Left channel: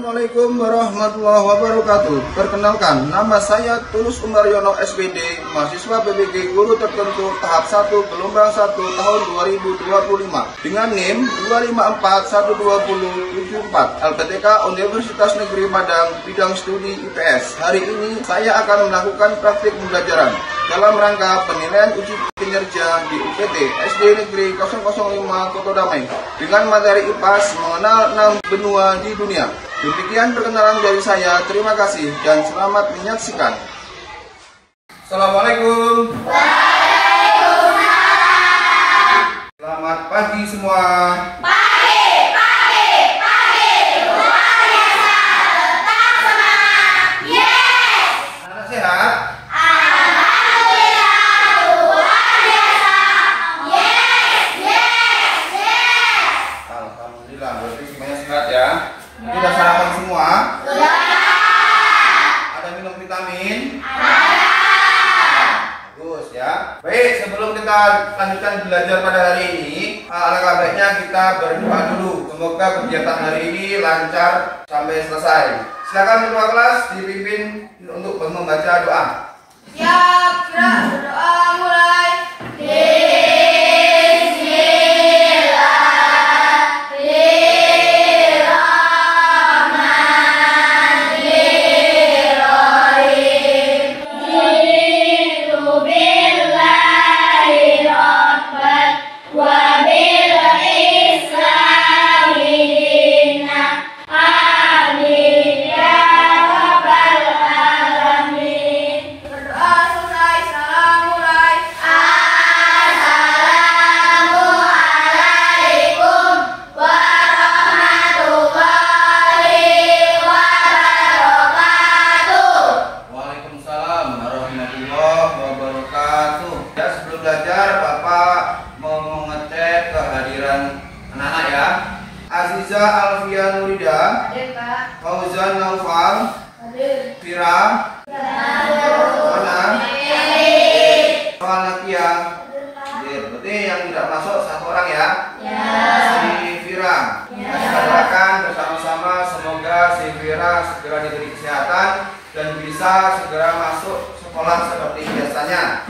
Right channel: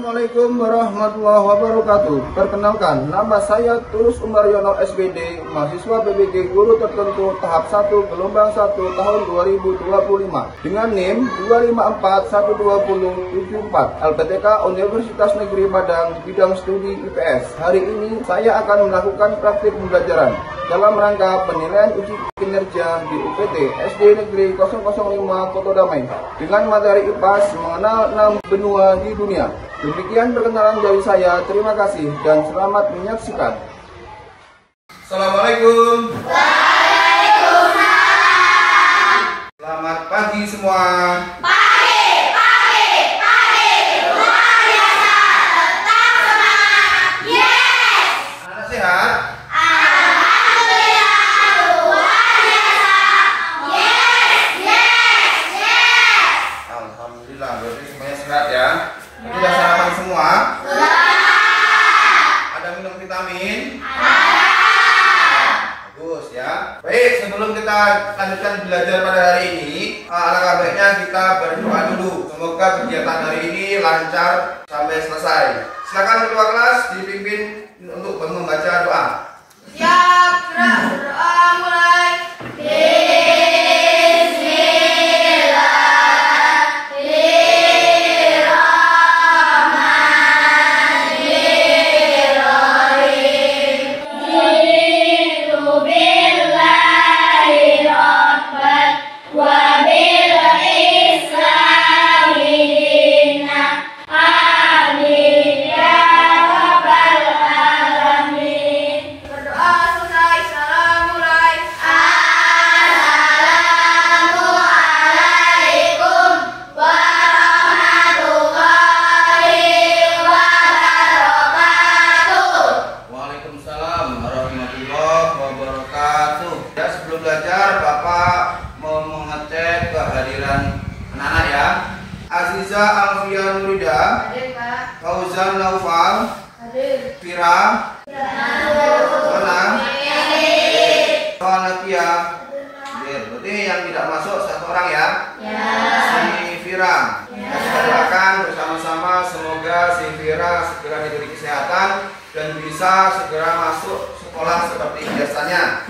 Assalamualaikum warahmatullahi wabarakatuh. Perkenalkan, nama saya Tulus Umaryono SPD, mahasiswa PBG Guru Tertentu tahap 1 gelombang 1 tahun 2025 dengan NIM 2541274 LPTK Universitas Negeri Padang bidang studi IPS. Hari ini saya akan melakukan praktik pembelajaran dalam rangka penilaian uji kinerja di UPT SD Negeri 005 Koto Damai dengan materi IPAS mengenal 6 benua di dunia. Demikian perkenalan dari saya, terima kasih dan selamat menyaksikan. Assalamualaikum. Waalaikumsalam. Selamat pagi semua. Pagi. Luar biasa. Tetap semangat. Yes. Anak sehat? Alhamdulillah. Luar biasa. Yes. Alhamdulillah, berarti semuanya sehat ya. Sudah sarapan semua? Sudah. Ada minum vitamin? Ada. Bagus ya. Baik, sebelum kita lanjutkan belajar pada hari ini, alangkah baiknya kita berdoa dulu. Semoga kegiatan hari ini lancar sampai selesai. Silakan ketua kelas dipimpin untuk membaca doa. Siap, berdoa mulai. Sebelum belajar, Bapak mau mengecek kehadiran anak-anak ya. Aziza Alfia Nurida, Hadir, Pak. Fauzan Naufal, Hadir. Fira, Mana, Walakia. Berarti yang tidak masuk satu orang ya. Si Fira. Kita doakan bersama-sama semoga si Fira segera diberi kesehatan dan bisa segera masuk sekolah seperti biasanya.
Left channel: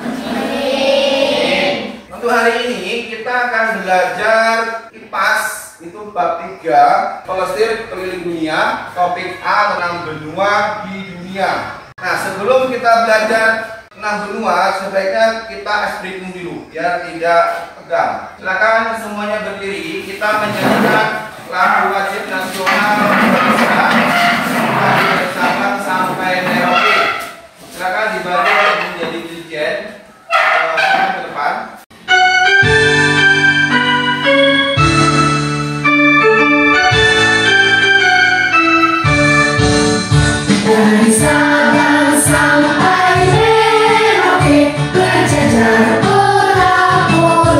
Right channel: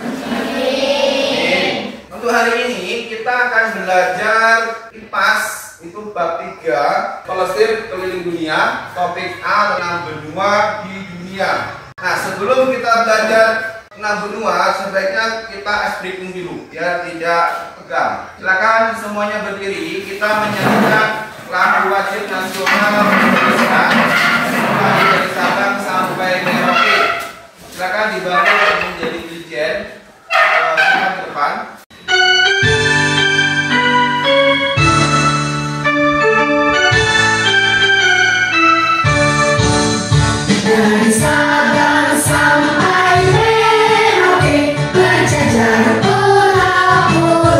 Untuk hari ini kita akan belajar IPAS itu bab 3 Pelesir Keliling Dunia, topik A tentang benua di dunia. Nah, sebelum kita belajar tentang benua, sebaiknya kita ice breaking dulu biar tidak tegang. Silakan semuanya berdiri, kita menyanyikan lagu wajib nasional Indonesia dari Sabang sampai Merauke. Silakan dibantu menjadi dirijen ke depan. Dari Sabang sampai Merauke berjajar pulau-pulau,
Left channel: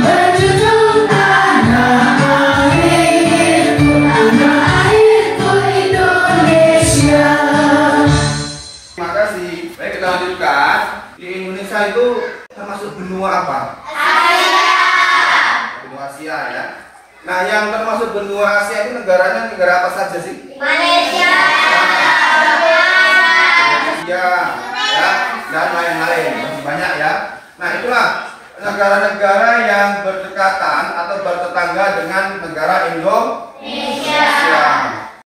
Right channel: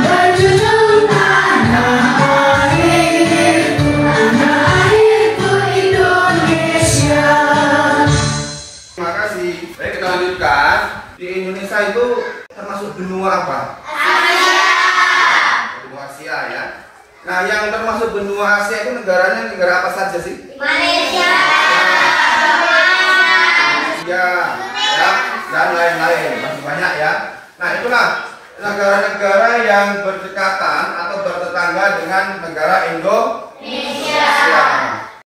berjunjung tanah airku Indonesia. Terima kasih. Baik, kita lanjutkan. Di Indonesia itu termasuk benua apa? Benua Asia ya. Nah, yang termasuk benua Asia itu negaranya negara apa saja sih? Malaysia. Ya, dan lain-lain, masih banyak ya. Nah, itulah negara-negara yang berdekatan atau bertetangga dengan negara Indonesia.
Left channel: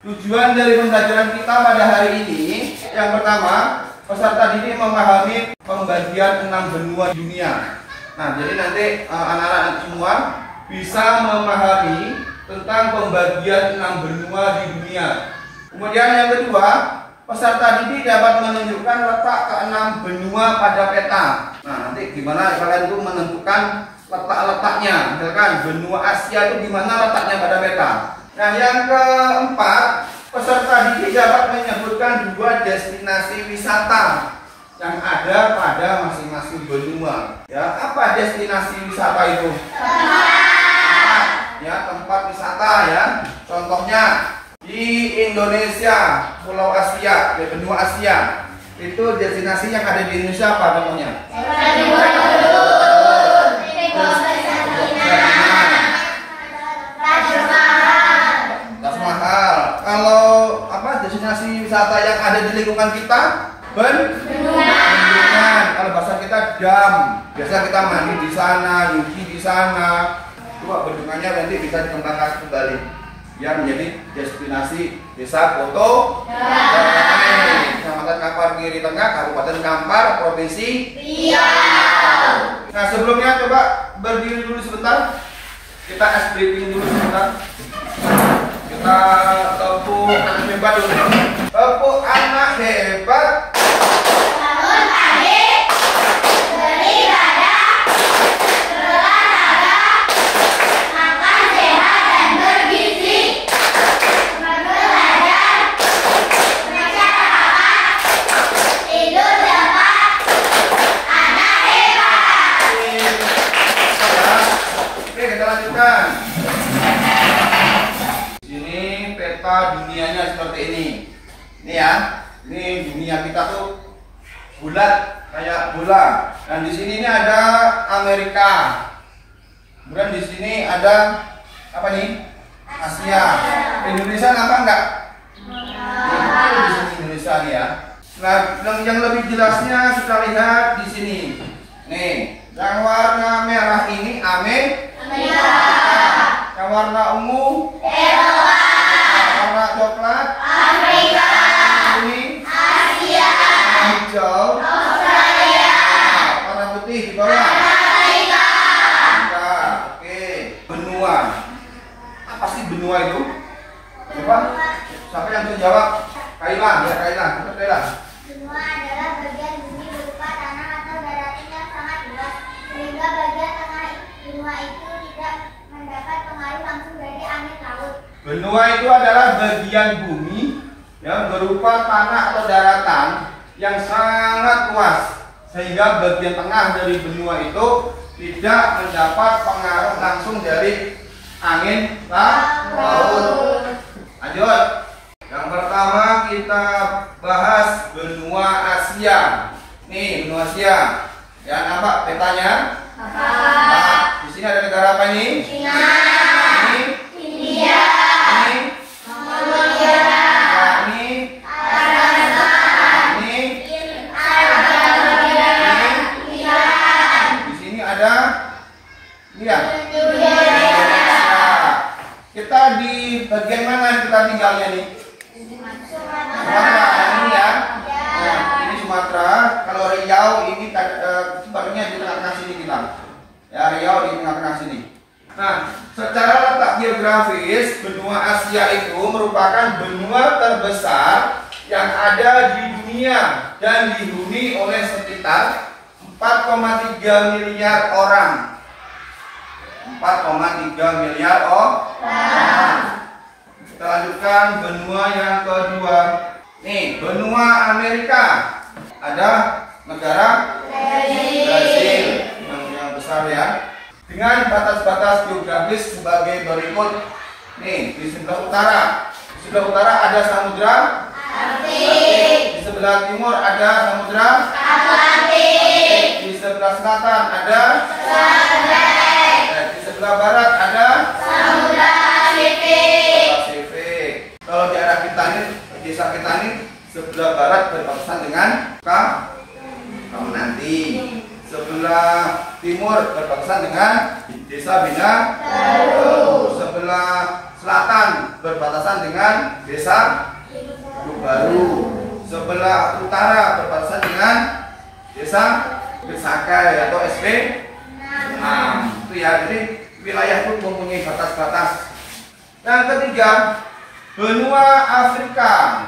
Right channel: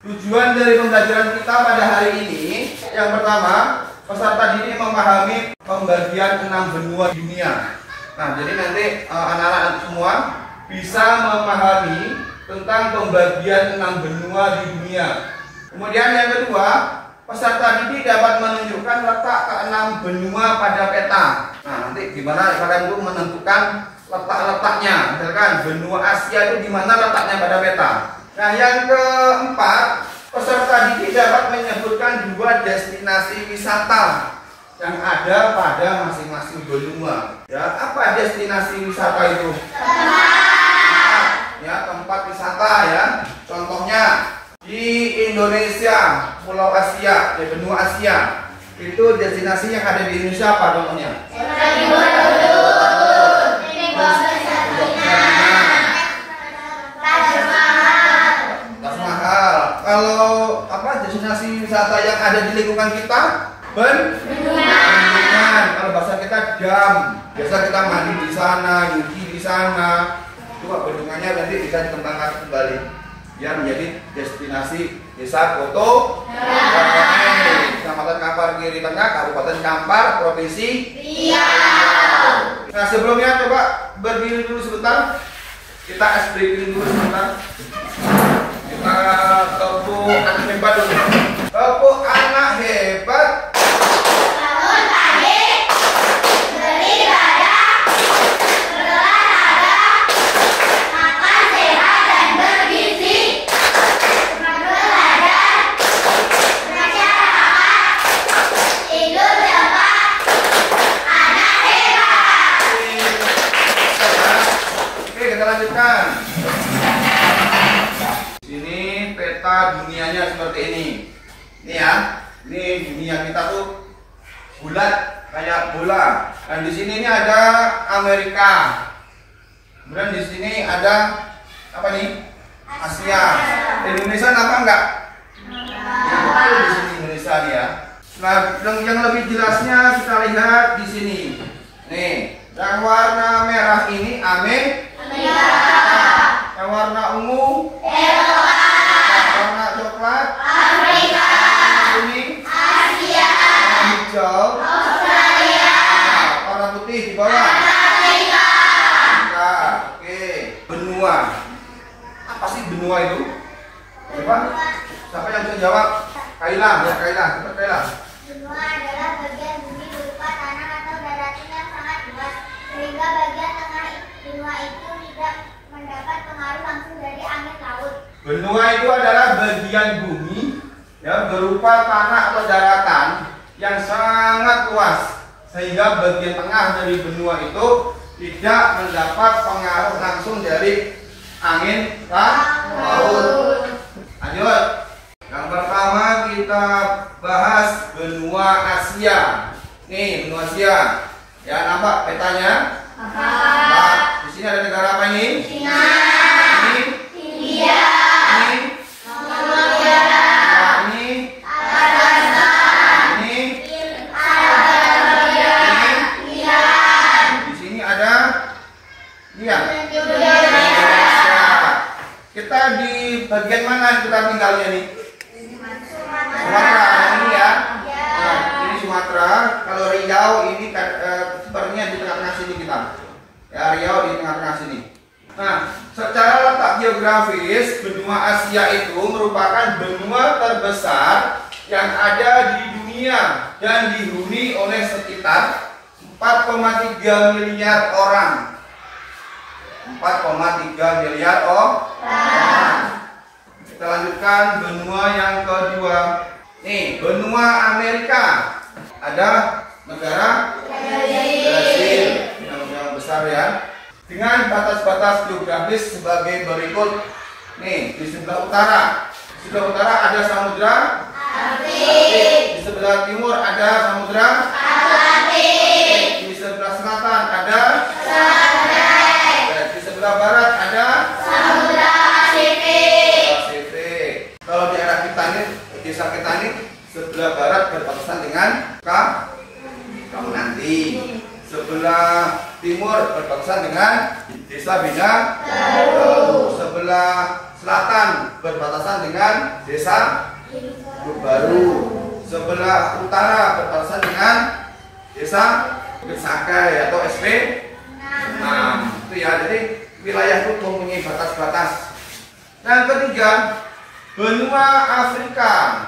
Tujuan dari pembelajaran kita pada hari ini, yang pertama, peserta didik memahami pembagian 6 benua dunia. Nah, jadi nanti anak-anak semua bisa memahami tentang pembagian 6 benua di dunia. Kemudian yang kedua, peserta didik dapat menunjukkan letak ke-6 benua pada peta. Nah, nanti gimana kalian itu menentukan letak-letaknya. Misalkan benua Asia itu di mana letaknya pada peta. Nah, yang keempat, peserta didik dapat menyebutkan 2 destinasi wisata yang ada pada masing-masing benua. Ya, apa destinasi wisata itu? Tempat wisata ya. Contohnya di Indonesia, Pulau Asia, di benua Asia. Itu destinasi yang ada di Indonesia apa contohnya? Taj Mahal. kalau apa destinasi wisata yang ada di lingkungan kita? Bendungan. Kalau bahasa kita dam. Biasa kita mandi di sana, nyuci di sana. Coba bendungannya nanti bisa dikembangkan kembali. Ya menjadi destinasi desa foto Kecamatan Kampar Kiri Tengah, Kabupaten Kampar, Provinsi Riau. Nah sebelumnya coba berdiri dulu sebentar. Kita ice breaking dulu sebentar. Kita tepuk anak hebat dulu. Tepuk anak hebat. Bangun pagi, beribadah, berolahraga, makan sehat dan bergizi, belajar, masyarakat, tidur cepat, anak hebat. Oke, kita lanjutkan. Ini peta dunianya seperti ini. Ini ya. Ini dunia kita tuh bulat kayak bola. Dan di sini ini ada Amerika. Kemudian di sini ada apa nih? Asia. Indonesia apa enggak? Di sini Indonesia nih ya. Nah, yang lebih jelasnya kita lihat di sini. Nih, yang warna merah ini Amerika. Yang warna ungu Eropa, warna coklat Afrika, ini Asia, warna hijau Australia, warna putih di bawah Afrika. nah, oke benua apa sih benua itu coba siapa yang bisa jawab Kailan ya Kailan. Benua adalah bagian bumi berupa tanah atau daratan yang sangat luas, sehingga bagian tengah benua itu tidak mendapat pengaruh langsung dari angin laut. Benua itu adalah bagian bumi yang berupa tanah atau daratan yang sangat luas sehingga bagian tengah dari benua itu tidak mendapat pengaruh langsung dari angin laut. Lanjut. Yang pertama kita bahas benua Asia. Nih benua Asia. Ya nampak petanya? Nah, di sini ada negara apa ini? China, Ini, India, ini, Mongolia, nah, ini, Kazakhstan, ini, Arabia, Iran, di sini ada ini ya. Indonesia, Kita di bagian mana kita tinggalnya nih? Sumatera, yang ini ya. Nah, ini Sumatera. Kalau Riau ini sebenarnya di tengah-tengah sini kita. Ya Riau di tengah-tengah sini. Nah, secara letak geografis benua Asia itu merupakan benua terbesar yang ada di dunia dan dihuni oleh sekitar 4,3 miliar orang. 4,3 miliar orang. Kita lanjutkan benua yang kedua. Nih, benua Amerika. Ada negara Brasil yang besar ya. Dengan batas-batas geografis sebagai berikut. Nih, di sebelah utara. Di sebelah utara ada samudra Atlantik. Di sebelah timur ada samudra Atlantik. Di sebelah selatan ada di sebelah barat ada Samudra Pasifik. Kalau di arah kita nih, desa kita nih, sebelah barat berbatasan dengan Kamunanti. Sebelah timur berbatasan dengan Desa Bina Baru. Sebelah selatan berbatasan dengan Desa Baru. Sebelah utara berbatasan dengan Desa Besakai atau SP 6. Itu ya, jadi wilayah itu mempunyai batas-batas. Yang ketiga, benua Afrika.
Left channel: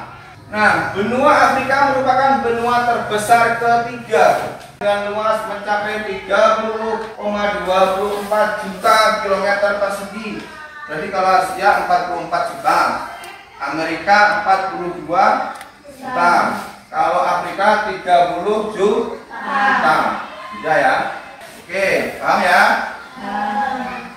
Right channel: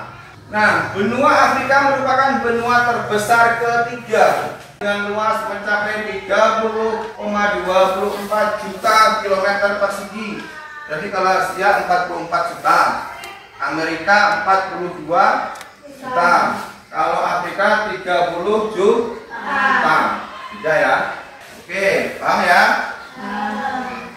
Nah, benua Afrika merupakan benua terbesar ketiga dengan luas mencapai 30,24 juta kilometer persegi. Jadi kalau Asia 44 juta, Amerika 42 juta, kalau Afrika 30 juta. Tidak ya? Oke, paham ya?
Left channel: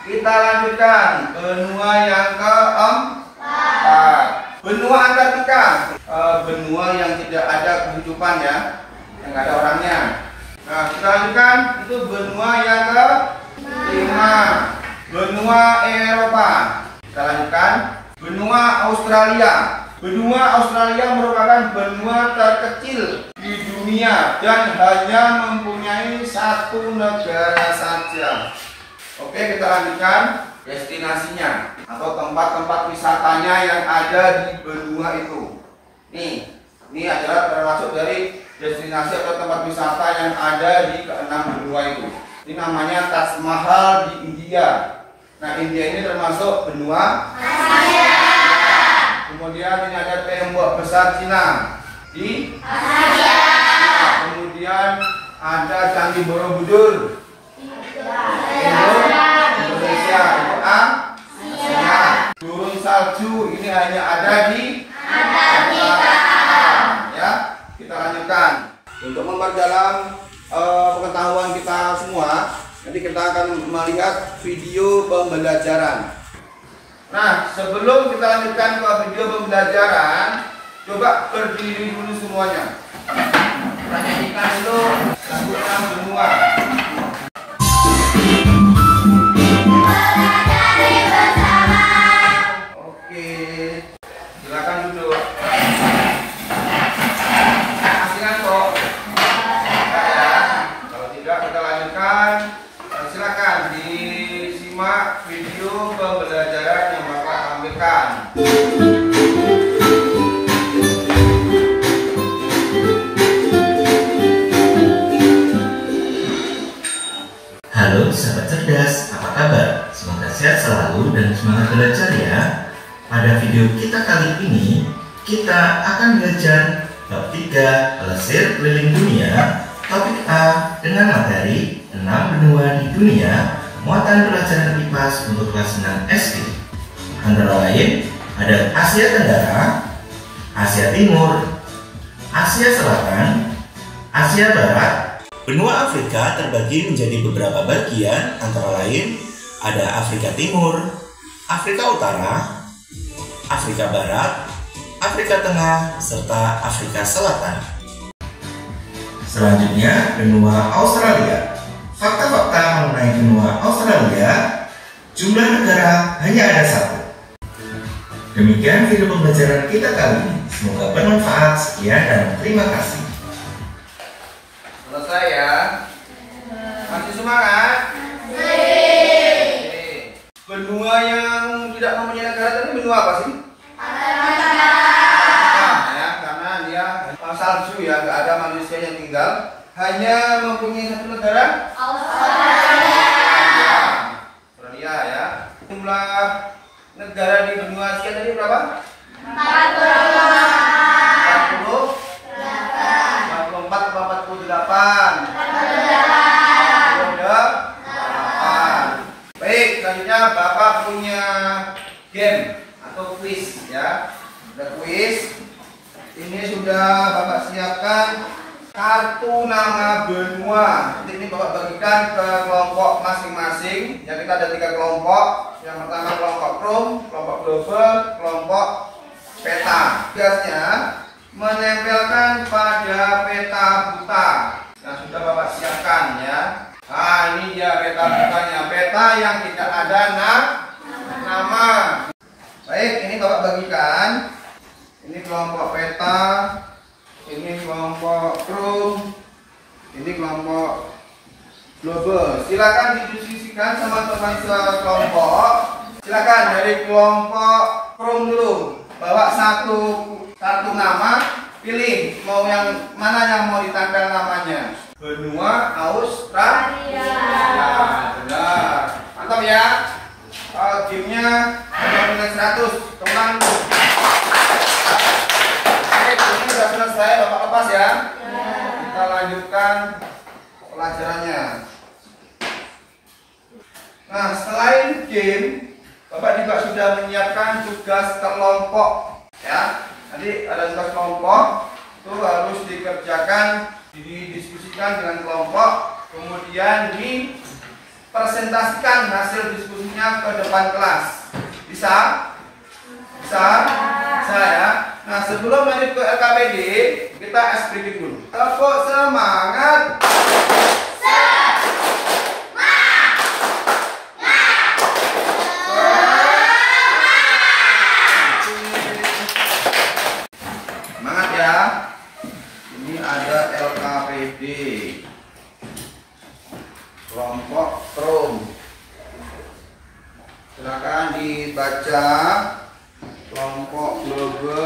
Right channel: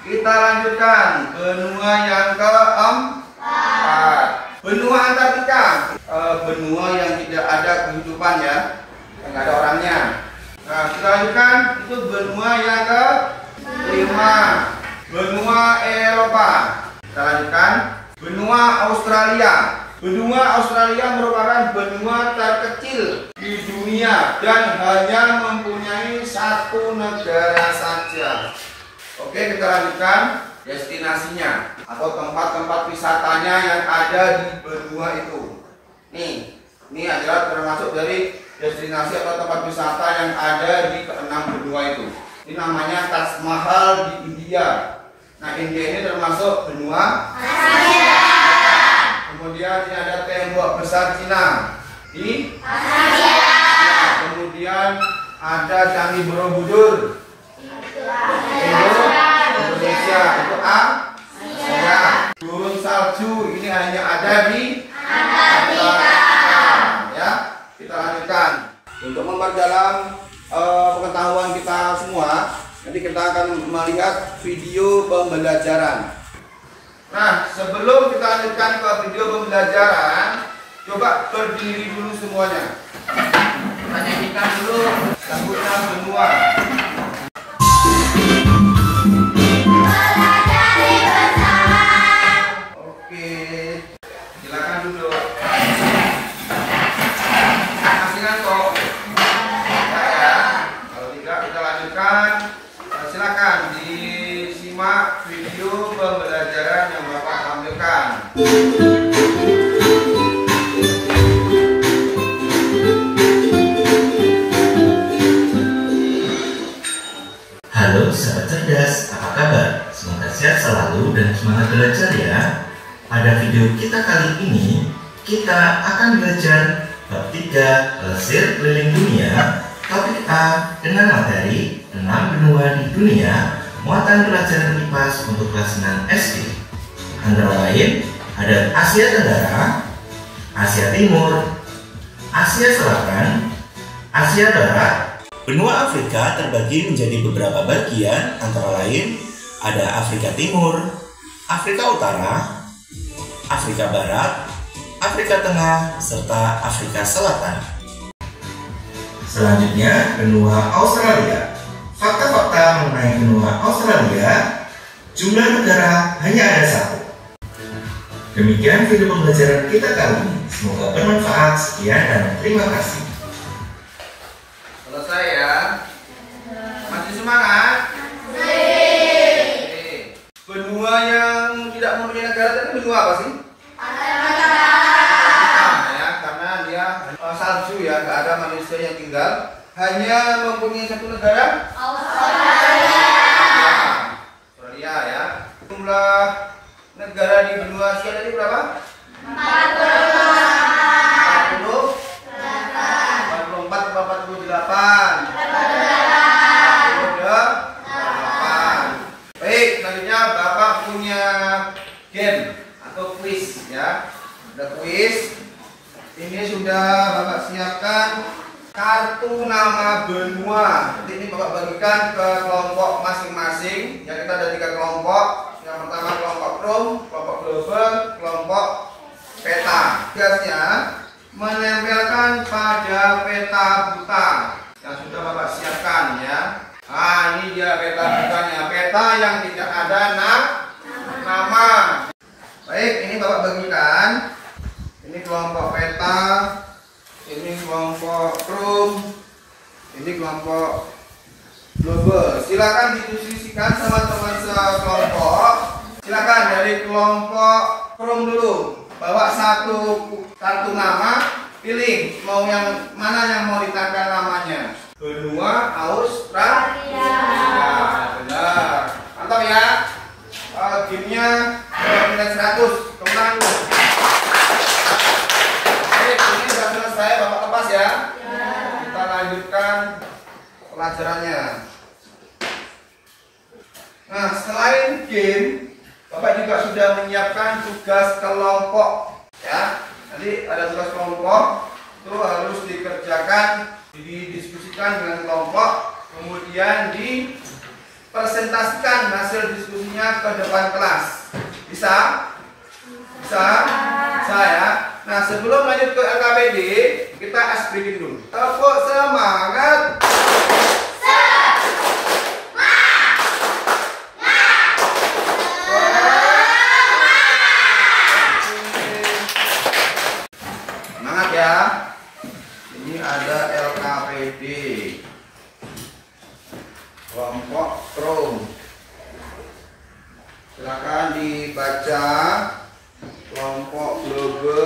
Kita lanjutkan benua yang keempat. Benua Antartika, benua yang tidak ada kehidupan ya, yang nggak ada orangnya. Nah, kita lanjutkan itu benua yang kelima, benua Eropa. Kita lanjutkan benua Australia. Benua Australia merupakan benua terkecil di dunia dan hanya mempunyai satu negara saja. Oke, kita lanjutkan destinasinya atau tempat-tempat wisatanya yang ada di benua itu. Ini adalah termasuk dari destinasi atau tempat wisata yang ada di keenam benua itu. Ini namanya Taj Mahal di India. Nah, India ini termasuk benua Asia. Kemudian ini ada tembok besar Cina di Asia. Kemudian ada Candi Borobudur Indonesia, itu Asia. Gurun salju ini hanya ada di Antartika. Ya, kita lanjutkan. Untuk memperdalam pengetahuan kita semua, nanti kita akan melihat video pembelajaran. Nah, sebelum kita lanjutkan ke video pembelajaran, coba berdiri dulu semuanya. Kita nyanyikan dulu lagunya benua. Oke, silakan duduk. Asing kok. Kalau tidak, kita lanjutkan. Silakan disimak video pembelajaran yang Bapak tampilkan. Halo sahabat cerdas, apa kabar? Semoga sehat selalu dan semangat belajar ya. Pada video kita kali ini, kita akan belajar bab 3 Plesir Keliling Dunia, topik A dengan materi 6 benua di dunia, muatan pelajaran IPA untuk kelas 6 SD. Antara lain, ada Asia Tenggara, Asia Timur, Asia Selatan, Asia Barat. Benua Afrika terbagi menjadi beberapa bagian, antara lain ada Afrika Timur, Afrika Utara, Afrika Barat, Afrika Tengah, serta Afrika Selatan. Selanjutnya, benua Australia. Fakta-fakta mengenai benua Australia, jumlah negara hanya ada 1. Demikian video pembelajaran kita kali ini. Semoga bermanfaat. Sekian dan terima kasih. Selesai ya? Masih semangat? Benua yang tidak mempunyai negara tadi benua apa sih? Ya, karena dia salju ya, nggak ada manusia yang tinggal. Hanya mempunyai satu negara? Australia ya. Jumlah negara di benua Asia tadi berapa? 48. Baik, selanjutnya Bapak punya game atau quiz ya. Ada quiz. Ini sudah Bapak siapkan kartu nama benua. Nanti ini Bapak bagikan ke kelompok masing-masing. Ya, kita ada 3 kelompok. Yang pertama kelompok Chrome, kelompok Global, kelompok peta. Tugasnya menempelkan pada peta buta yang sudah Bapak siapkan ya. Nah, ini dia peta butanya, peta yang tidak ada nama. Baik, ini Bapak bagikan. Ini kelompok peta, ini kelompok Chrome, ini kelompok Global. Silakan didiskusikan sama teman sekelompok. Silakan dari kelompok Chrome dulu. Bawa satu kartu nama, pilih mau yang mana yang mau ditempel namanya. Benua Australia. Ya, benar. Mantap ya. Gamenya nilai 100. Teman. Oke, ini sudah selesai. Bapak lepas ya. Kita lanjutkan pelajarannya. Nah, selain game, Bapak juga sudah menyiapkan tugas kelompok ya. Nanti ada tugas kelompok itu harus dikerjakan, didiskusikan dengan kelompok, kemudian dipresentasikan hasil diskusinya ke depan kelas. Bisa? Bisa? Bisa ya. Nah, sebelum lanjut ke LKPD, kita ice breaking dulu. Tepuk semangat. ya. Ini ada LKPD, kelompok Krom. Silakan dibaca kelompok Globe,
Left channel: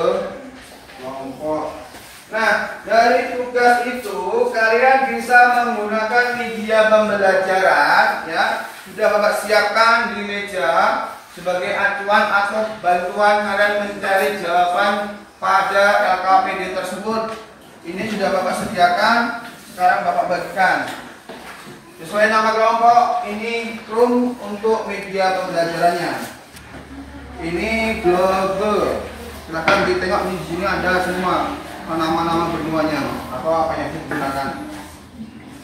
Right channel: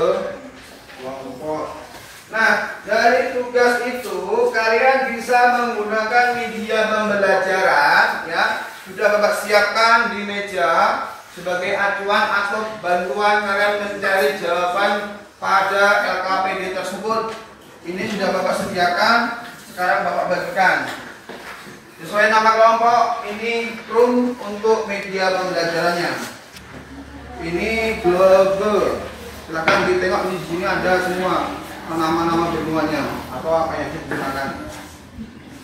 kelompok. Nah, dari tugas itu kalian bisa menggunakan media pembelajaran ya. Sudah Bapak siapkan di meja sebagai acuan atau bantuan kalian mencari jawaban pada LKPD tersebut. Ini sudah Bapak sediakan, sekarang Bapak bagikan. Sesuai nama kelompok, ini Krom untuk media pembelajarannya. Ini Globe. Silakan ditengok di sini ada semua nama-nama benuanya apa yang digunakan.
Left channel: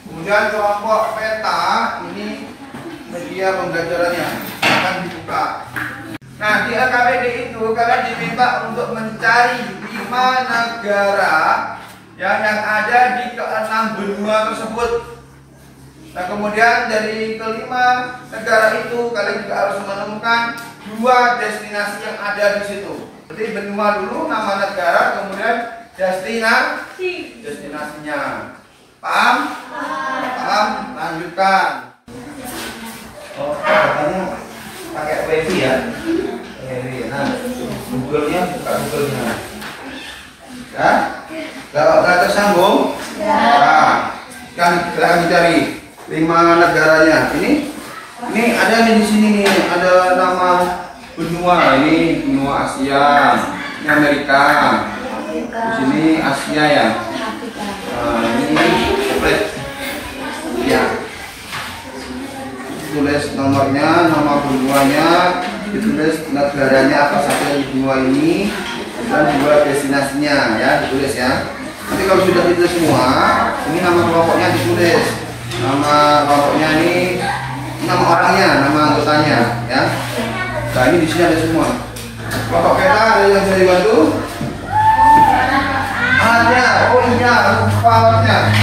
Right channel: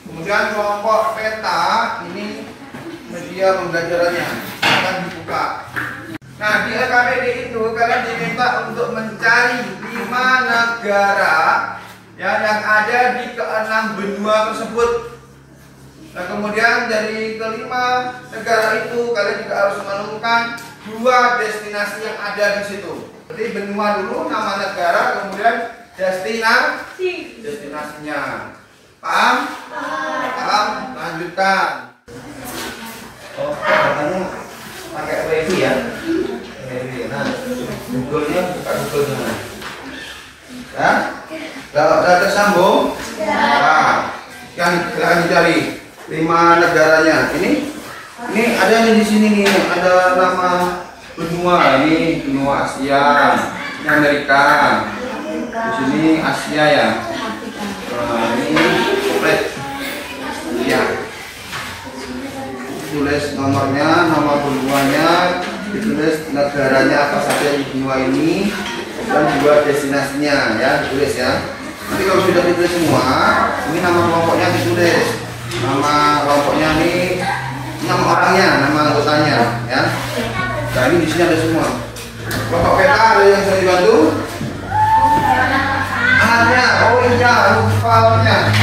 Kemudian kelompok peta, ini media pembelajarannya akan dibuka. Nah, di LKPD itu kalian diminta untuk mencari 5 negara yang ada di ke-6 benua tersebut. Nah, kemudian dari ke-5 negara itu kalian juga harus menemukan 2 destinasi yang ada di situ. Jadi benua dulu, nama negara, kemudian destinasinya. Paham? Paham? Lanjutkan. Oke, kamu pakai wifi ya? Nah, Google-nya buka Google-nya. Ya? Kalau sudah tersambung, nah, silahkan dicari 5 negaranya. Ini ada nih di sini nih, ada nama benua. Ini benua Asia, ini Amerika. Di sini Asia ya. Ini komplek. Ya. Tulis nomornya, nama benuanya, ditulis negaranya apa saja di benua ini, dan 2 destinasinya ya, ditulis ya. Nanti kalau sudah ditulis semua, ini nama kelompoknya ditulis. Nama kelompoknya ini nama orangnya, nama anggotanya ya. Nah, ini di sini ada semua. Kelompok peta ada yang bisa dibantu? Alatnya, oh iya, lupa alatnya.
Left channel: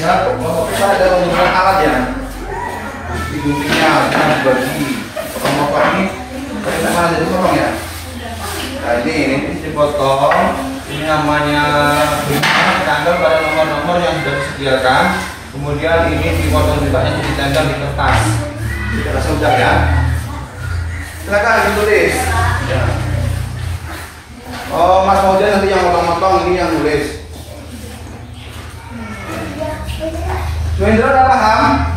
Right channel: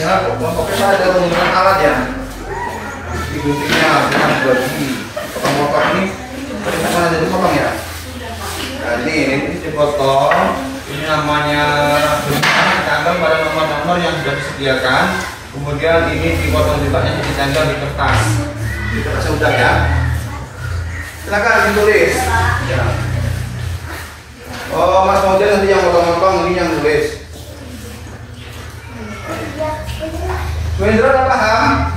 Ya, kelompok peta ada menggunakan alat ya. Di guntingnya dengan bagi potong-potong ini. Tadi kan ada dipotong ya. Nah, ini dipotong. Ini namanya ditambah pada nomor-nomor yang sudah disediakan. Kemudian ini dipotong juga ditempel di kertas. Di kertas sudah ya. Silakan ditulis. Ya. Oh, Mas Fauzan nanti yang potong-potong, ini yang tulis. Suhendro udah paham?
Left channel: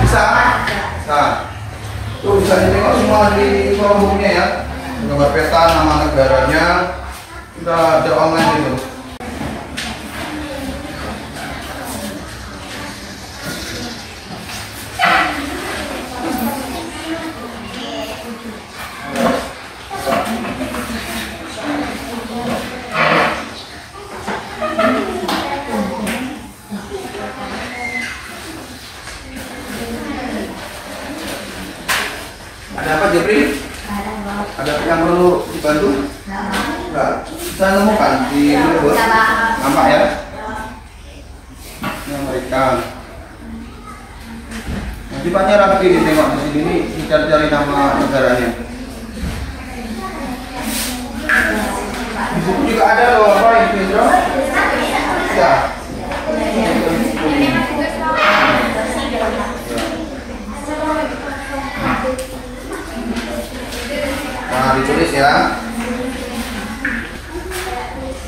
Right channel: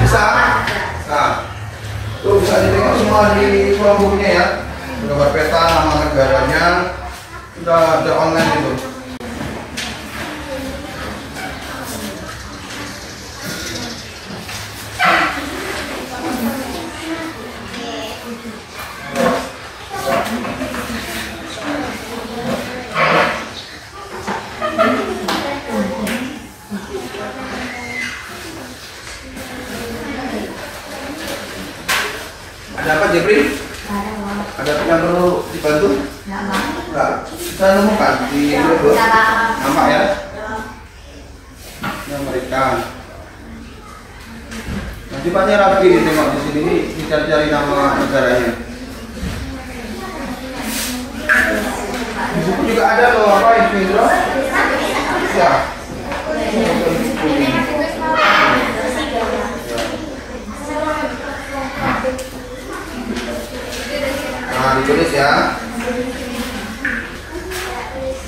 Bisa? Nah, tuh bisa ditengok semua di kolom bukunya ya. Gambar peta, nama negaranya, sudah ada online itu. Ada apa Jepri? Ada yang perlu dibantu? Enggak. Bisa nemukan di Google. Nampak ya? Ini Amerika. Nanti Paknya rapi tengok di sini nih, cari nama negaranya. Di buku juga ada loh apa ini, Bro? Ya. Nah, ditulis ya.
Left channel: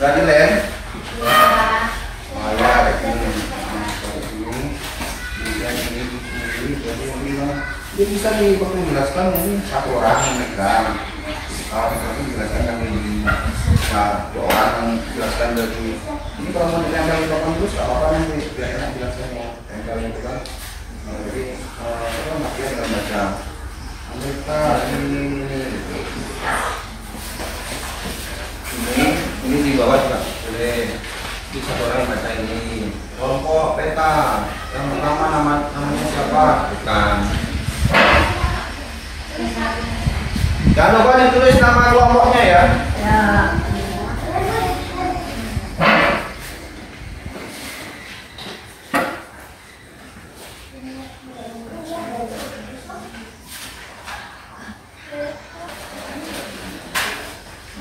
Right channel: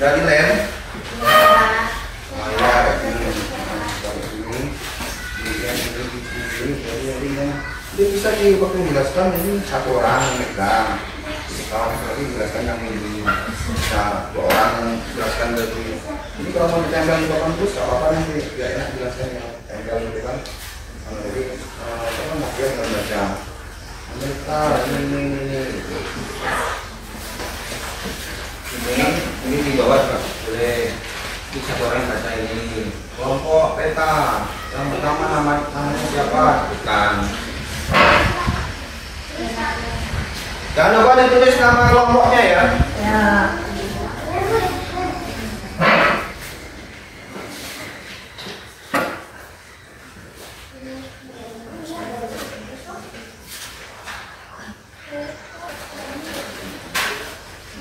Udah di lem. Oh ya, ini bisa dijelaskan ini satu orang yang megang. Kalau misalnya dijelaskan yang ini, nah 2 orang yang dijelaskan dari ini kalau mau ditempel di papan terus apa nanti biar enak jelaskan yang tempel itu kan. Jadi itu kan makin nggak baca. Amerika ini di bawah Pak. Boleh bisa orang baca ini. Kelompok peta yang pertama namanya siapa? Bukan. Jangan lupa ditulis nama kelompoknya ya. Ya.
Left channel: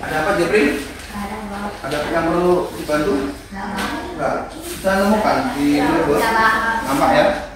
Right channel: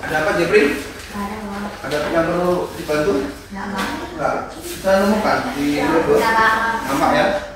Ada apa Jepri? Ada yang perlu dibantu? Enggak. Saya nemukan di Google. Nampak ya?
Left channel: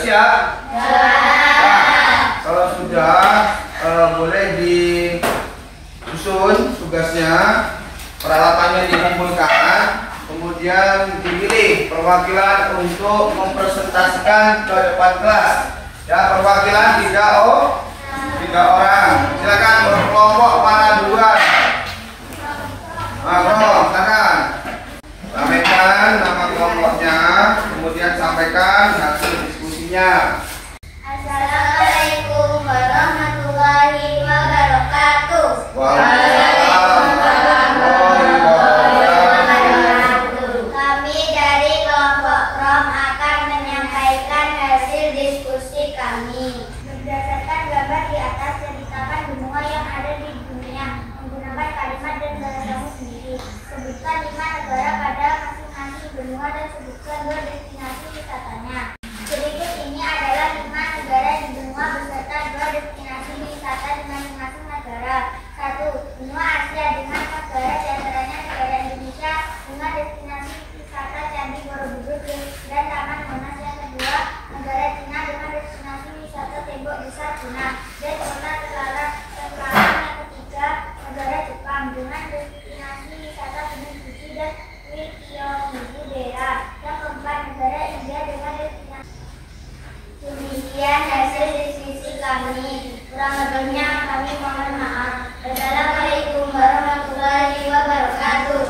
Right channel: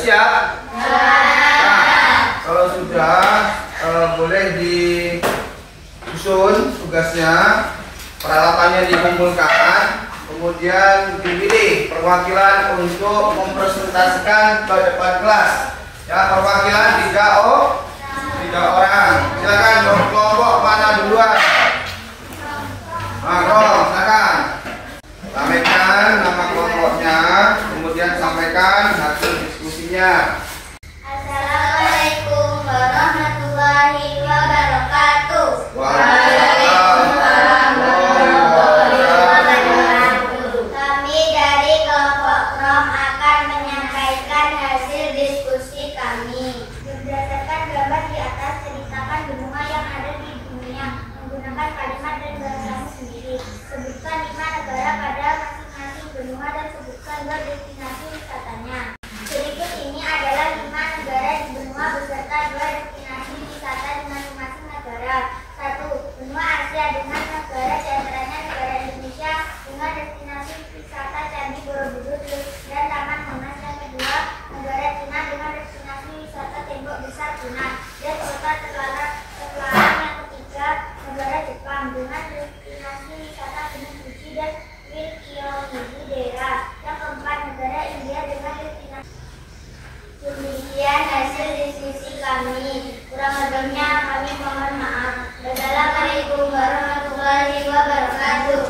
Siap? Nah, kalau sudah boleh disusun tugasnya, peralatannya dikumpulkan, kemudian dipilih perwakilan untuk mempresentasikan ke depan kelas. Ya, perwakilan 3 orang. Silakan kelompok mana duluan? Silakan. Sampaikan nama kelompoknya, kemudian sampaikan hasil diskusinya. Assalamualaikum warahmatullahi wabarakatuh. Waalaikumsalam warahmatullahi wabarakatuh. Kami dari kelompok ROM akan menyampaikan hasil diskusi kami. Berdasarkan gambar di atas, ceritakan benua yang ada di dunia menggunakan kalimat dan bahasamu sendiri. Sebutkan 5 negara pada masing-masing benua dan sebutkan 2 destinasi wisatanya. Berikut ini adalah 5 negara di benua beserta 2 destinasi wisata di masing-masing negara. 1. Benua Asia dengan negara diantaranya negara Indonesia dengan destinasi wisata Candi Borobudur dan Taman Monas. Yang kedua, negara Cina dengan destinasi wisata Tembok Besar Cina dan kota Telalang. Yang ketiga, negara Jepang dengan destinasi wisata Gunung Fuji dan Ryukyu Dera. Yang keempat, negara India dengan destinasi. Demikian hasil diskusi kami. Kurang lebihnya kami mohon maaf. Wassalamualaikum warahmatullahi wabarakatuh.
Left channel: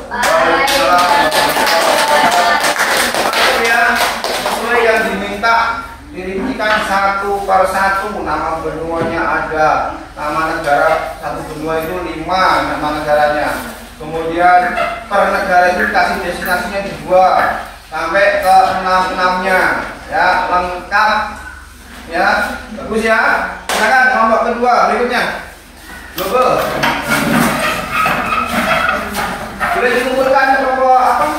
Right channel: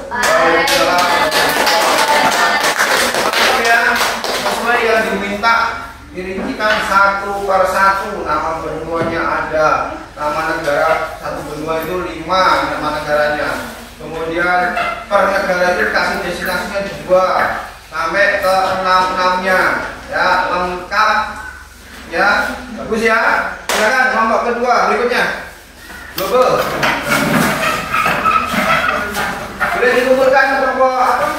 Ya, sesuai yang diminta, dirintikan satu per satu. Nama benuanya ada, nama negara satu benua itu 5 nama negaranya. Kemudian per negara itu kasih destinasinya 2 sampai ke 6-6-nya. Ya, lengkap. Ya, bagus ya. Silakan kelompok kedua berikutnya. Global. Boleh dikumpulkan kelompok apa?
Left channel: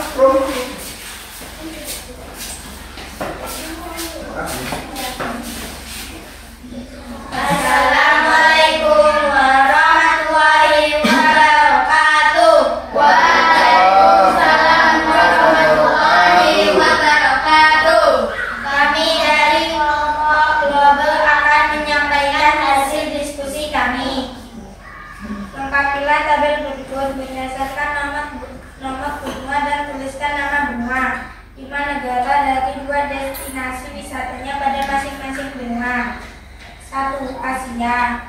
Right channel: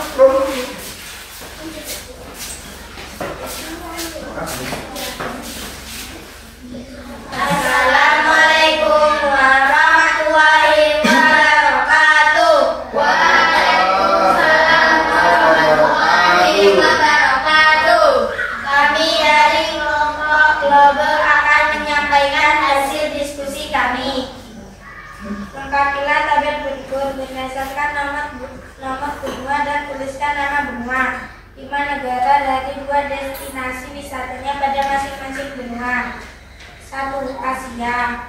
Assalamualaikum warahmatullahi wabarakatuh. Waalaikumsalam warahmatullahi wabarakatuh. Kami dari kelompok Global akan menyampaikan hasil diskusi kami. Lengkapilah tabel berikut berdasarkan nama benua dan tuliskan nama benua. 5 negara dari 2 destinasi wisatanya pada masing-masing benua. 1. Asia,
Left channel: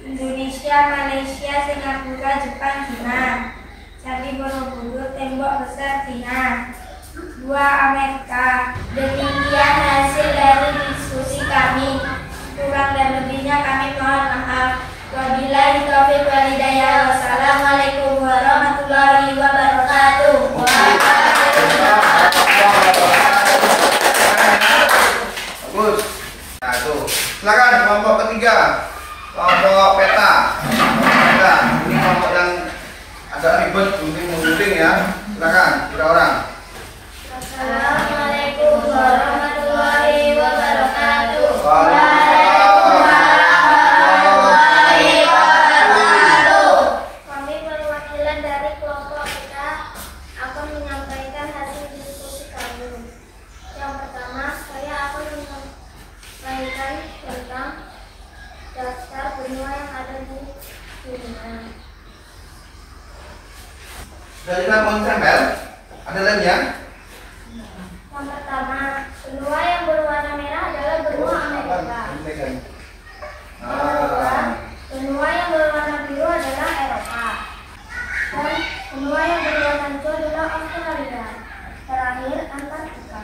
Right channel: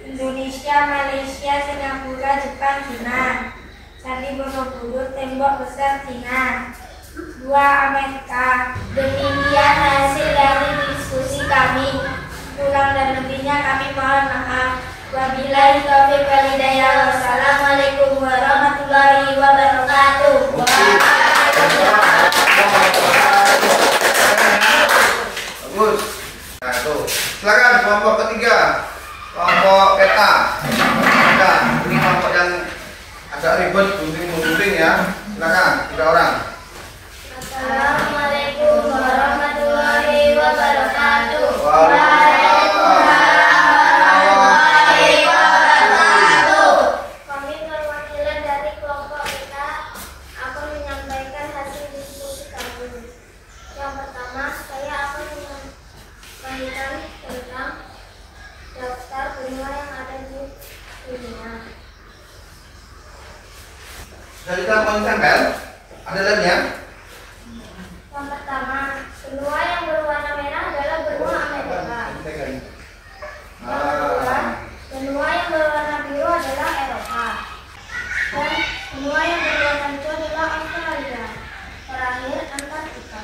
Indonesia, Malaysia, Singapura, Jepang, Cina. Candi Borobudur, Tembok Besar Cina. 2. Amerika. Demikian hasil dari diskusi kami. Kurang dan lebihnya kami mohon maaf. Wabillahi taufiq wal hidayah. Wassalamualaikum warahmatullahi wabarakatuh. Bagus. Nah, itu. Silakan kelompok ketiga. Kelompok peta. Ada. Ini kelompok yang agak ribet, gunting-gunting ya. Silakan, 3 orang. Assalamualaikum warahmatullahi wabarakatuh. Kami perwakilan dari kelompok kita akan menyampaikan hasil Jadi kita mau tempel. Ada lagi ya? Yang pertama, benua yang berwarna merah adalah benua Amerika. Yang kedua, benua yang berwarna biru adalah Eropa. Dan benua yang berwarna hijau adalah Australia. Terakhir, Antartika.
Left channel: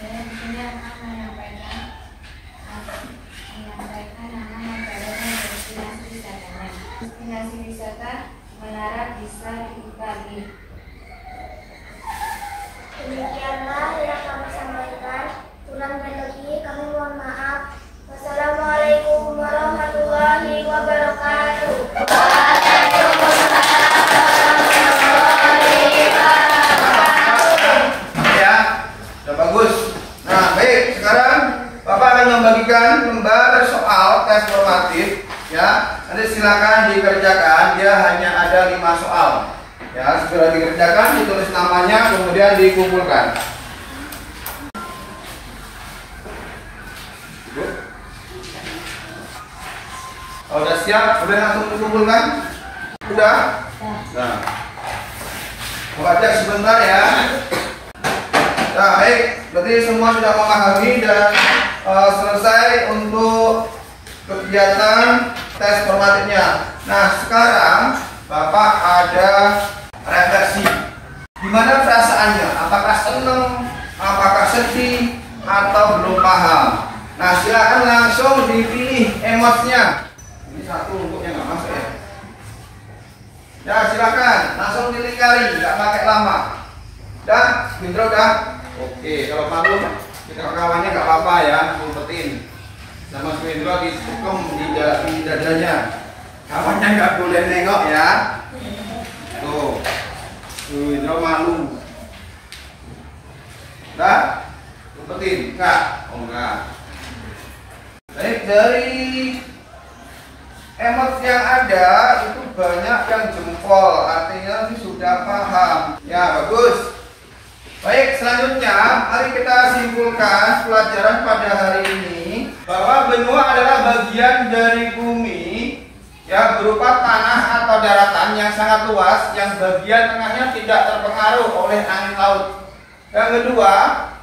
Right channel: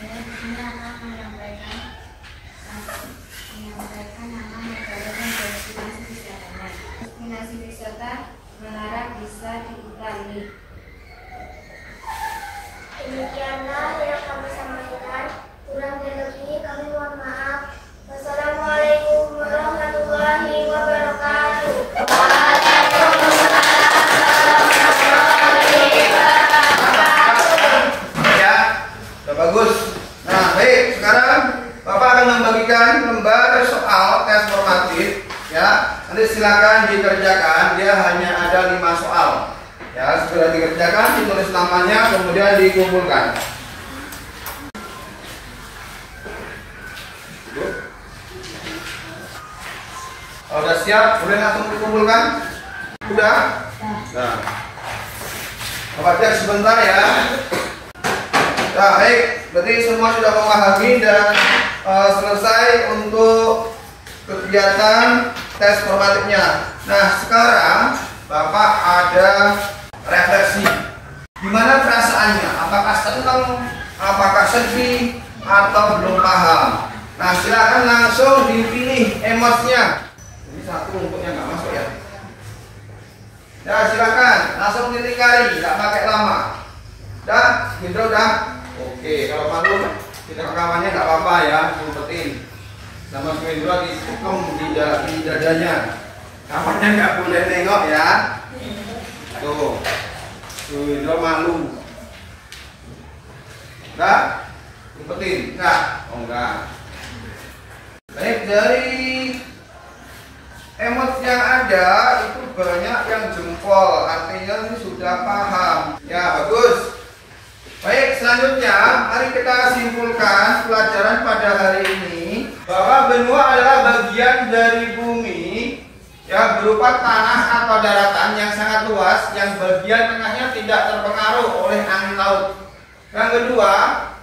Saya di sini akan menyampaikan nama negara dan destinasi wisatanya. Destinasi wisata Menara Pisa di Italia. Demikianlah yang kami sampaikan. Kurang dan lebih kami mohon maaf. Wassalamualaikum warahmatullahi wabarakatuh. Ya, sudah bagus. Nah, baik. Sekarang Bapak akan membagikan lembar soal tes formatif. Ya, nanti silakan dikerjakan. Dia hanya ada 5 soal. Ya, segera dikerjakan, ditulis namanya, kemudian dikumpulkan. Kalau sudah siap, boleh langsung dikumpulkan? Sudah? Nah, Bapak cek sebentar ya. Nah, baik, berarti semua sudah memahami dan selesai untuk kegiatan tes formatifnya. Nah, sekarang Bapak ada refleksi. Gimana perasaannya? Apakah senang? Apakah sedih? Atau belum paham? Nah, silakan langsung dipilih emosinya. Ini satu untuk yang nggak masuk ya. Ya, silakan langsung dilingkari, nggak pakai lama. Dah, Indro dah. Oke, kalau malu kita kawannya nggak apa-apa ya, ngumpetin. Sama Indro ditukum di dadanya. Kawannya nggak boleh nengok ya. Tuh, Indro malu. Dah, ngumpetin, enggak? Oh enggak. Baik, dari emot yang ada itu banyak yang jempol, artinya ini sudah paham. Ya, bagus. Baik, selanjutnya mari kita simpulkan pelajaran pada hari ini bahwa benua adalah bagian dari bumi ya, berupa tanah atau daratan yang sangat luas yang bagian tengahnya tidak terpengaruh oleh angin laut. Yang kedua,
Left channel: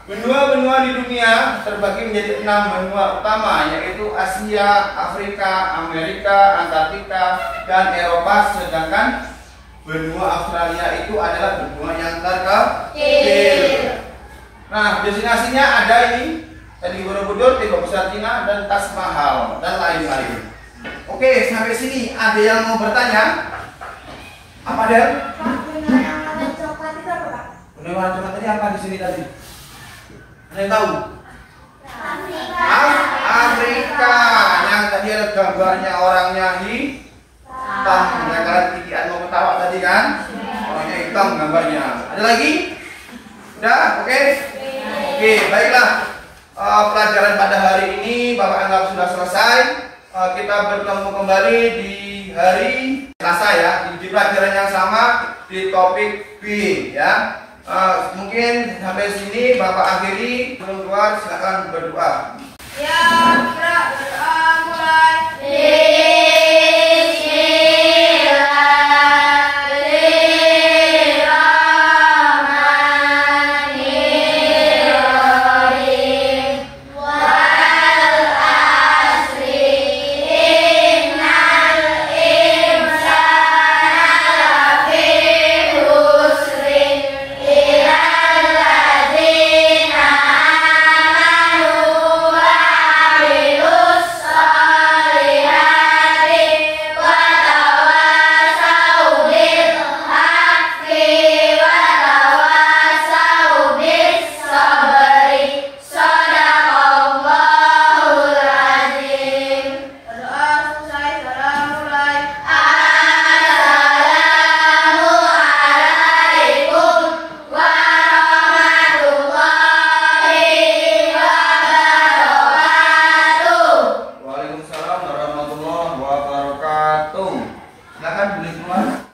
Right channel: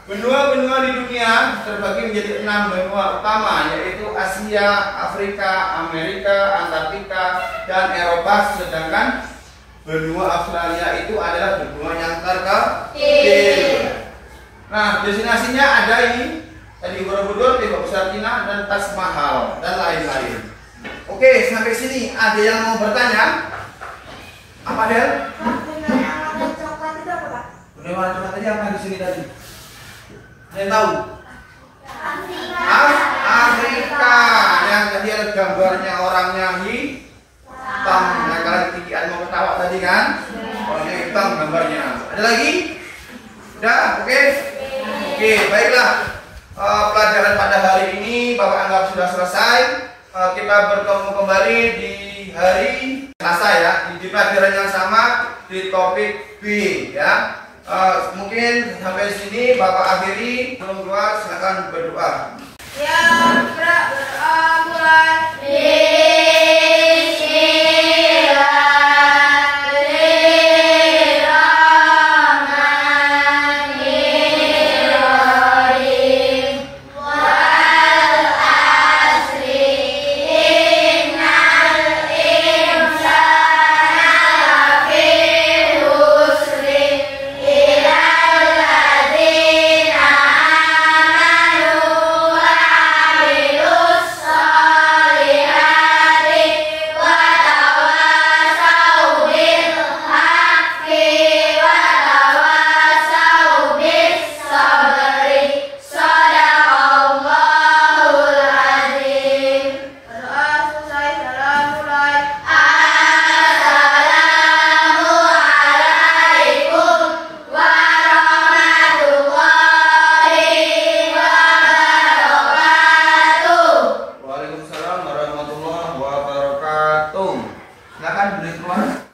benua-benua di dunia terbagi menjadi 6 benua utama, yaitu Asia, Afrika, Amerika, Antartika, dan Eropa. Sedangkan benua Australia itu adalah benua yang terkecil. Nah, destinasinya ada ini tadi Borobudur, Tembok Besar Cina, dan Taj Mahal, dan lain-lain. Oke, sampai sini ada yang mau bertanya? Apa Del? Benua yang warna coklat itu apa, Pak? Benua warna coklat tadi apa di sini tadi? Ada yang tahu? Afrika. Yang tadi ada gambarnya orangnya hitam. Nah, kalian tikian mau ketawa tadi kan? Orangnya hitam gambarnya. Ada lagi? Udah? Oke? Oke, baiklah. Pelajaran pada hari ini Bapak anggap sudah selesai. Kita bertemu kembali di hari Selasa ya, di pelajaran yang sama di topik B ya. Mungkin sampai sini Bapak akhiri. Sebelum keluar silakan berdoa. Ya, berdoa mulai. Silakan beli keluar.